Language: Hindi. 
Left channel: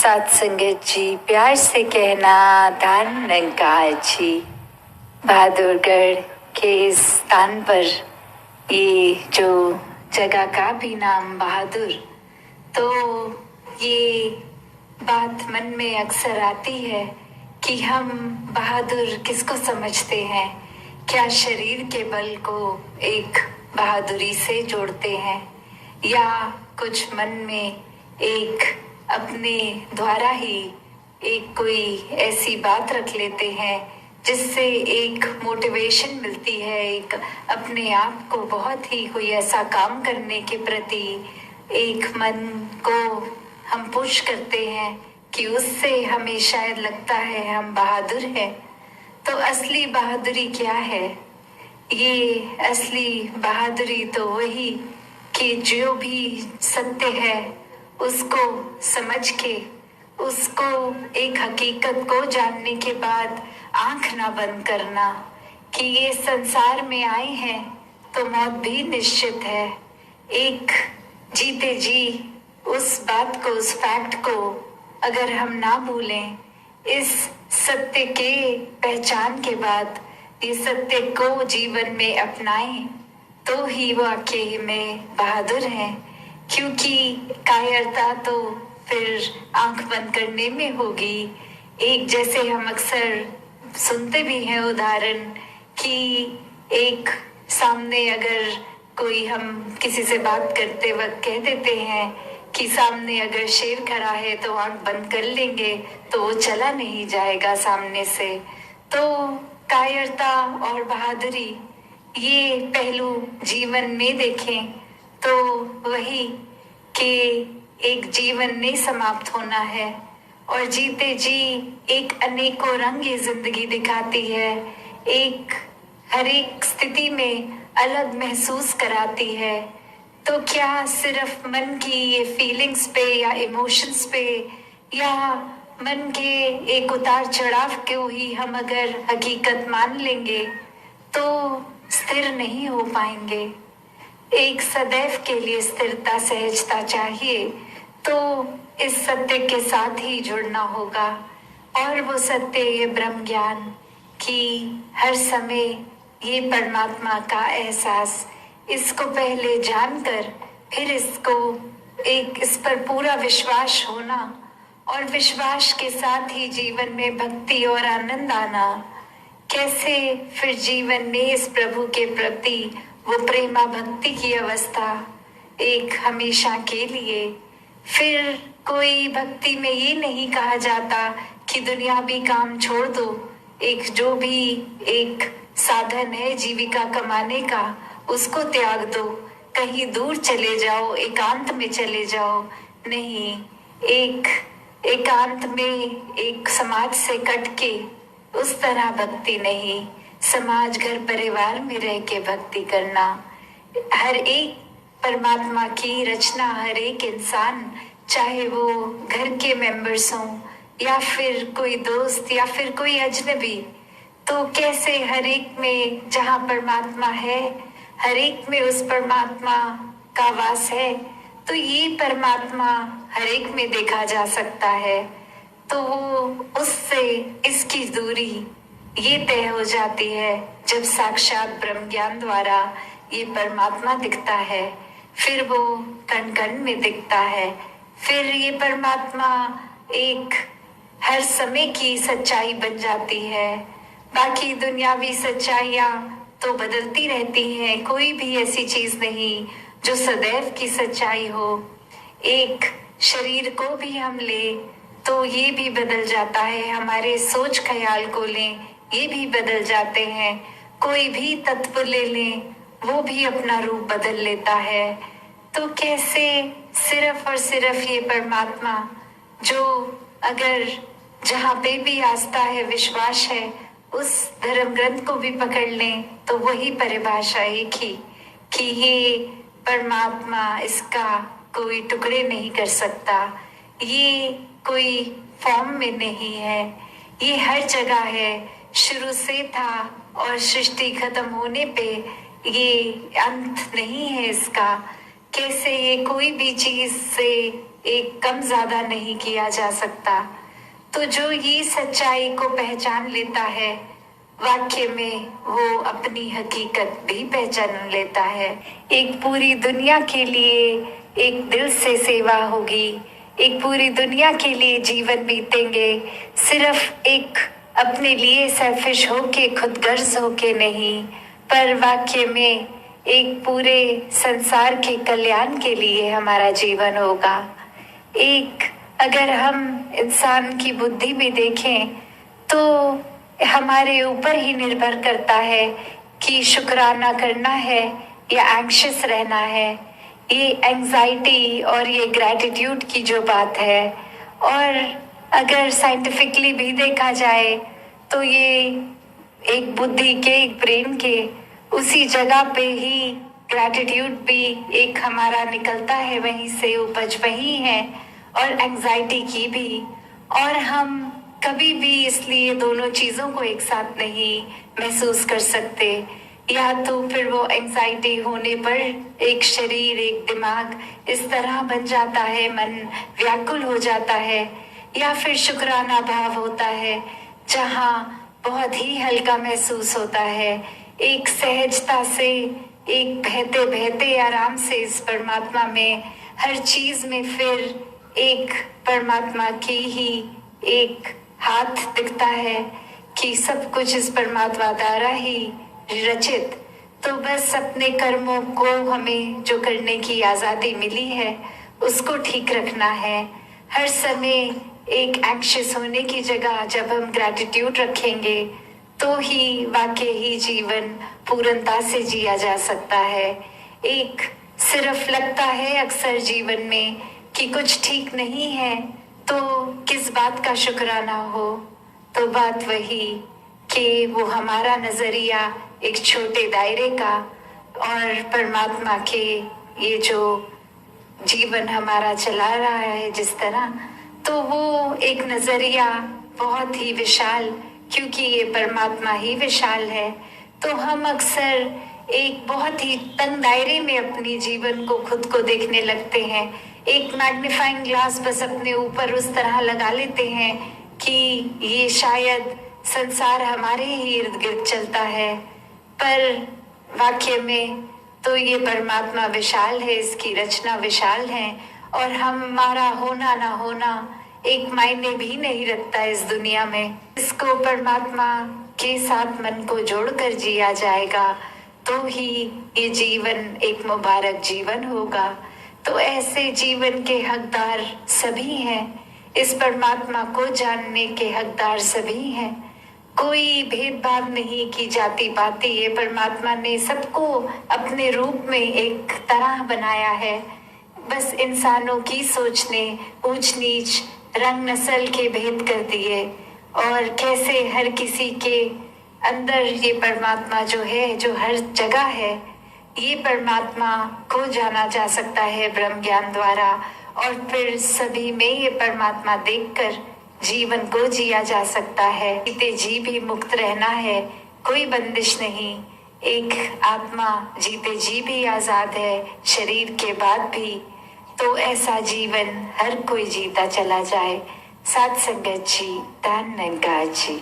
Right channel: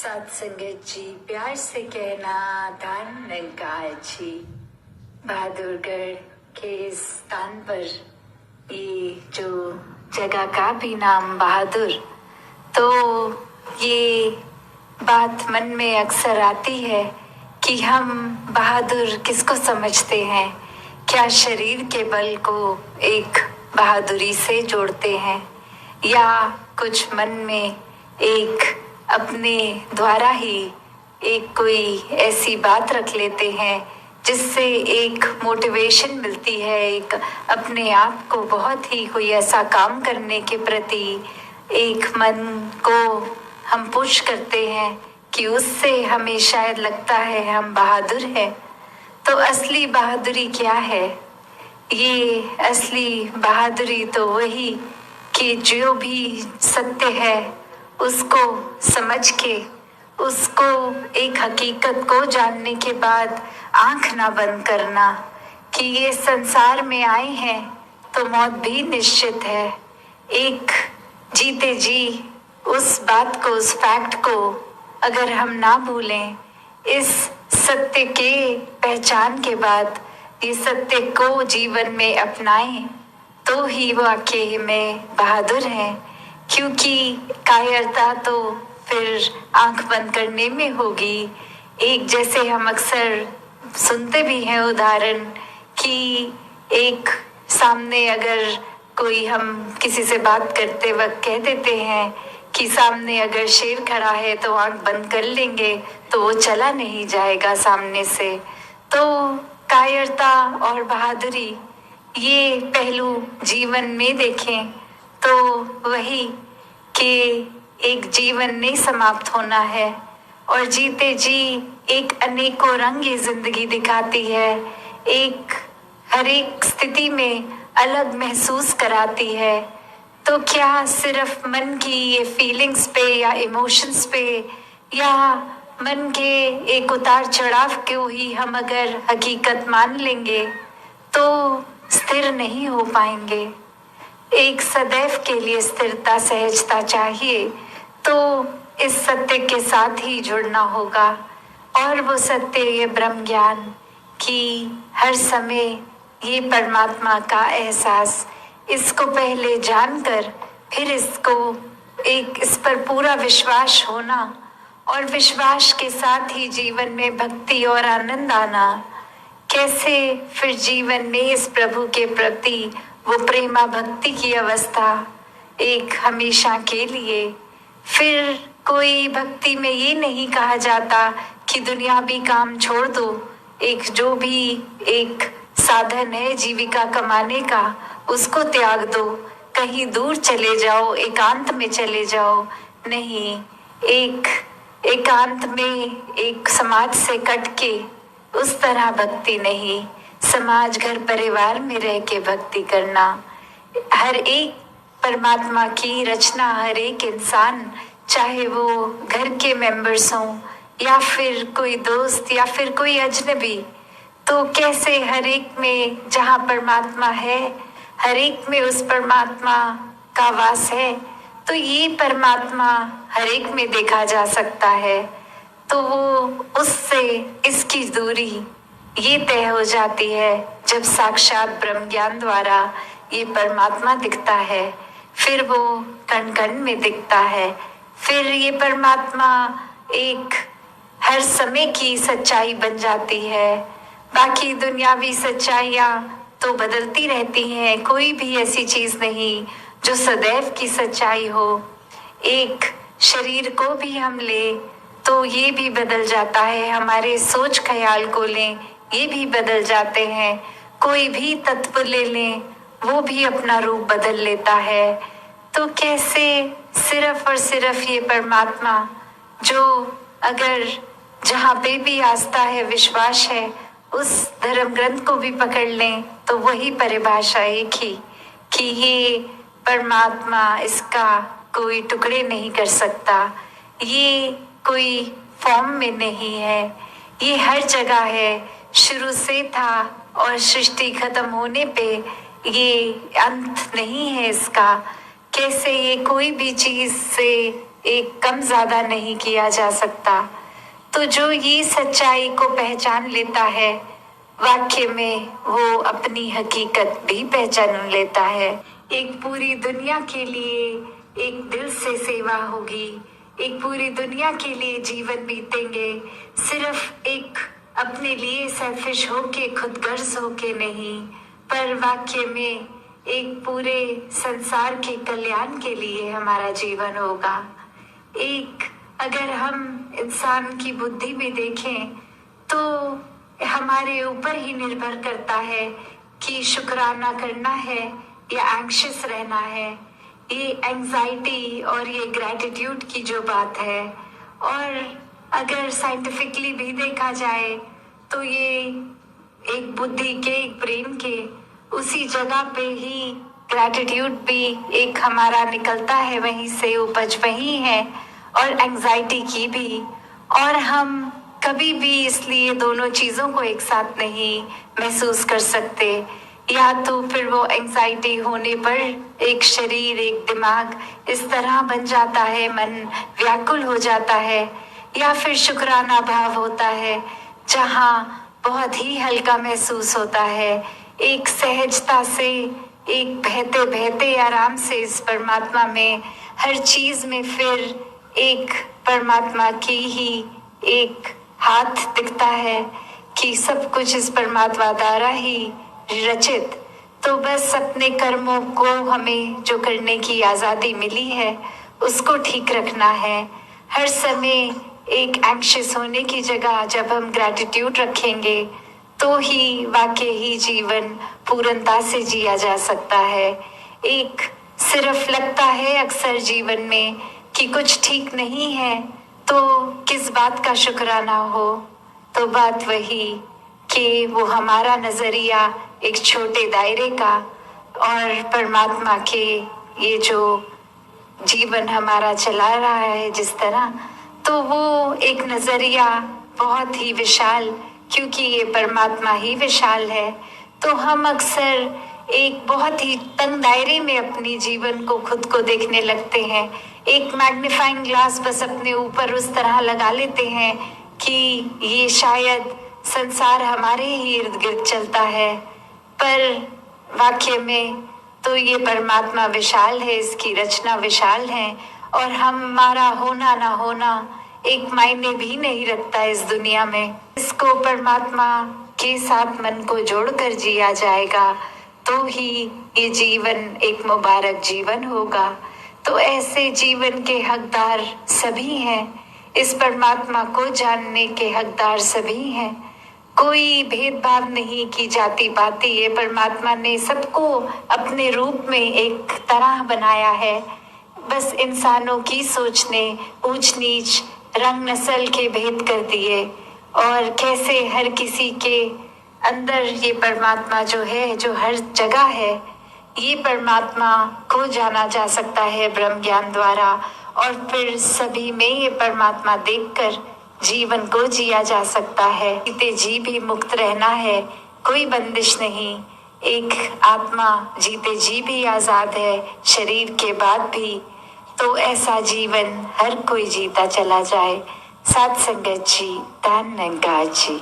साथ संगत जी, प्यार से कहना दान निरंकार जी। बहादुरगढ़ के इस स्थान पर ये जो जगह का भी नाम बहादुर, तो ये बात मन में अक्सर आती है कि हम बहादुर किसको समझते हैं। क्या शरीर के बल को एक बहादुरी से जोड़ते हैं, या कुछ मन में एक अपने द्वारा ही एक कोई ऐसी बात रख लेते हैं जिससे एक मोटिवेशन मिलती है, एक अपने आप को बहुत ही कोई ऐसा काम करने के प्रति एक मन को हम पुश करते हैं कि उससे हमें शायद लगता है हम बहादुर हैं। तो असली बहादुरी क्या है? ये असली बहादुरी तो वही कि जो भी सत्य है उसको समझ के, उसको एक हकीकत को जानने के बाद आंख ना बंद करना कि ये संसार में आए हैं तो मौत भी निश्चित है। एक जीते जी उस बात को, उस फैक्ट को अगर हम ना भूलें, इस सत्य के पहचान के बाद ये सत्य को जीवन में अपनाएं, तो ही वाकई में बहादुर हैं। क्योंकि कायरता तो फिर आंख बंद करने में होगी। एक जैसे हम अक्सर सुनते भी हैं उदाहरण कि एक सामने अगर कोई, हम किसी से बात करते वक्त कह देते हैं कि सामने अगर शेर खड़ा है तो आंख बंद कर लेंगे तो वो चला नहीं जाएगा सामने से। तो कायरता और बहादुरी, ये पहलू जीवन में देखें तो वही कि एक जीवन नहीं समाप्त होना है और जीते जी एक अनेकों रंग ये जिंदगी दिखाती है, एक हर एक स्थिति में अलग महसूस कराती है। तो क्या सिर्फ मन की ये फीलिंग्स पे या इमोशंस पे या मन के एक उतार चढ़ाव को ही हम अगर हकीकत मान लेंगे तो स्थिर नहीं हो पाएंगे। एक सदैव के लिए स्थिरता, सहजता चाहिए, तो इस सत्य के साथ ही जुड़ना होगा। और वो सत्य, ये ब्रह्म ज्ञान कि हर समय ये परमात्मा का एहसास, इसको पहले जानकर फिर इसको एक इस पर पूरा विश्वास होना और विश्वास के साथ ही जीवन में भक्ति और आनंद आना। कैसे फिर जीवन में इस प्रभु के प्रति वो प्रेमा भक्ति की अवस्था एक हमेशा के लिए। फिर कोई भक्ति में ये नहीं कहा जाता कि दुनियावी काम छोड़ दो, एक जो भी एक साधन है जीविका कमाने का उसको त्याग दो, कहीं दूर चले जाओ, एकांत में चले जाओ। नहीं, एक एकांत में एक समाज से कट के उस तरह भक्ति नहीं, समाज घर परिवार में रह के भक्ति करना। हर एक परमात्मा की रचना, हर एक इंसान, चाहे वो घर के मेंबर्स हों या फिर कोई दोस्त या फिर कोई अजनबी, तो कैसे हर एक में जहाँ परमात्मा है, हर एक में उस परमात्मा का वास है, तो ये परमात्मा हर एक में देखा जा सकता है। तो वो उससे इसकी दूरी ये तय हो जाती है जब साक्षात ब्रह्म ज्ञान द्वारा ये परमात्मा दिखता है। फिर वो कण कण में दिखता है। फिर ये परमात्मा एक हर समय की सच्चाई बन जाती है। बाकी दुनियावी सच्चाइयाँ तो बदलती रहती हैं, कोई भी ऐसी चीज नहीं जो सदैव की सच्चाई हो। एक शरीर को भी हम ले तो ये भी बदल जाता है, हमारे सोच ख्याल को लें ये भी बदल जाते हैं, कोई भी तत्व ले लें वो भी अपना रूप बदल लेता है। तो कैसे सिर्फ और सिर्फ ये परमात्मा, जो अगर जहाँ पे भी आस्था है, विश्वास है, उस धर्म ग्रंथ को भी पकड़ लें तो वही परिभाषा एक ही कि ये परमात्मा, इसका कोई टुकड़े नहीं कर सकता, ये कोई फॉर्म में नहीं है, ये हर जगह है, शुरू से था और सृष्टि खत्म होने पे ये अंत नहीं है इसका। कैसे ये कोई भी चीज से एक कम ज्यादा नहीं किया जा सकता। तो जो ये सच्चाई को पहचान लेता है, वाक्य में वो अपनी हकीकत भी पहचान लेता है। एक पूरी दुनिया के लिए एक दिल से सेवा होगी, एक पूरी दुनिया के लिए जीवन बीतेंगे, सिर्फ एक अपने लिए सेल्फिश होके, खुदगर्ज होके नहीं, पर वाक्य में एक पूरे संसार के कल्याण के लिए हमारा जीवन होगा। एक अगर हम इंसान की बुद्धि में देखें तो हमारे ऊपर ही निर्भर करता है कि शुक्राना करना है या एंग्शियस रहना है। ये एंजाइटी और ये ग्रैटिट्यूड की जो बात है, और अगर साइंटिफिकली भी देखा जाए तो ये एक बुद्धि के, एक ब्रेन के उसी जगह पे ही ग्रैटिट्यूड भी एक हमारा निकलता है, वहीं से उपज वही है, और एंजाइटी की भी। और हम कभी भी इसलिए दोनों चीजों को एक साथ नहीं महसूस कर सकते। या तो फिर वो एंजाइटी होने पर एक शरीर, एक दिमाग इस तरह बन जाता है, मन व्याकुल हो जाता है, या फिर शुक्राना भाव होता है जहाँ बहुत ही हल्का महसूस होता है, एक सहजता से, एक बहते बहते आराम से इस परमात्मा में, हर चीज में फिर एक परमात्मा की ही एक हाथ दिखता है कि सब कुछ इस परमात्मा द्वारा ही रचित। तो बस अपने कर्मों को हमें जो करने की आजादी मिली है उसको ठीक रखना है। हर समय एक एंग्शियस होने की जगह जब हम ग्रैटिट्यूड रखेंगे तो ही वाकई ही जीवन पूर्णता से जिया जा सकता है। एक सिर्फ लगता है अक्सर जीवन में कि कुछ ठीक नहीं है तो किस बात का शुक्राना हो, तो बात वही कि वो हमारा नजरिया एक छोटे दायरे का, और परमात्मा के ये जो जीवन हमारा चला रहा है जिस तरह, तो वो एक नजरिया बहुत ही विशाल, क्योंकि ये परमात्मा ही विशाल है। तो हम अक्सर एक बहुत ही तंग दायरे में अपने जीवन को, खुद को देखने लगते हैं। एक मैग्नीफाइंग ग्लास बस अपने ऊपर उस तरह लगा लेते हैं कि ये शायद संसार हमारे ही इर्द गिर्द चलता है, पर वाक्य में तो ये परमात्मा विशाल है, इसकी रचना विशाल है, और हमारा होना ना होना एक मायने भी नहीं रखता इस दुनिया में। इसको परमात्मा के साथ मन को जोड़कर जिया जाएगा तो ही ये जीवन एक मुबारक जीवन होगा। तो ऐसे जीवन के हकदार सभी हैं, इस परमात्मा को जानने के हकदार सभी हैं। कोई भेदभाव नहीं की जाती पाती, ये परमात्मा ने सबको अपने रूप में एक तरह बनाया है। बस इंसानों की सोच ने ऊंच नीच, रंग नस्ल के भेद कर दिए, और कैसे हर किसी के अंदर ये परमात्मा जो है, जो हर जगह है, ये परमात्मा को जाना जा सकता है ब्रह्म ज्ञान द्वारा, और फिर सभी में ये परमात्मा देखकर जीवन को जिया जा सकता है। जीते जी भी मुक्त रहना है, कोई बंदिश नहीं। एक आत्मा जीते जी भी आजाद है, शरीर के बाद भी। तो ऐसा जीवन हर कोई जीता चला जाए। साथ संगत जी, धन निरंकार जी।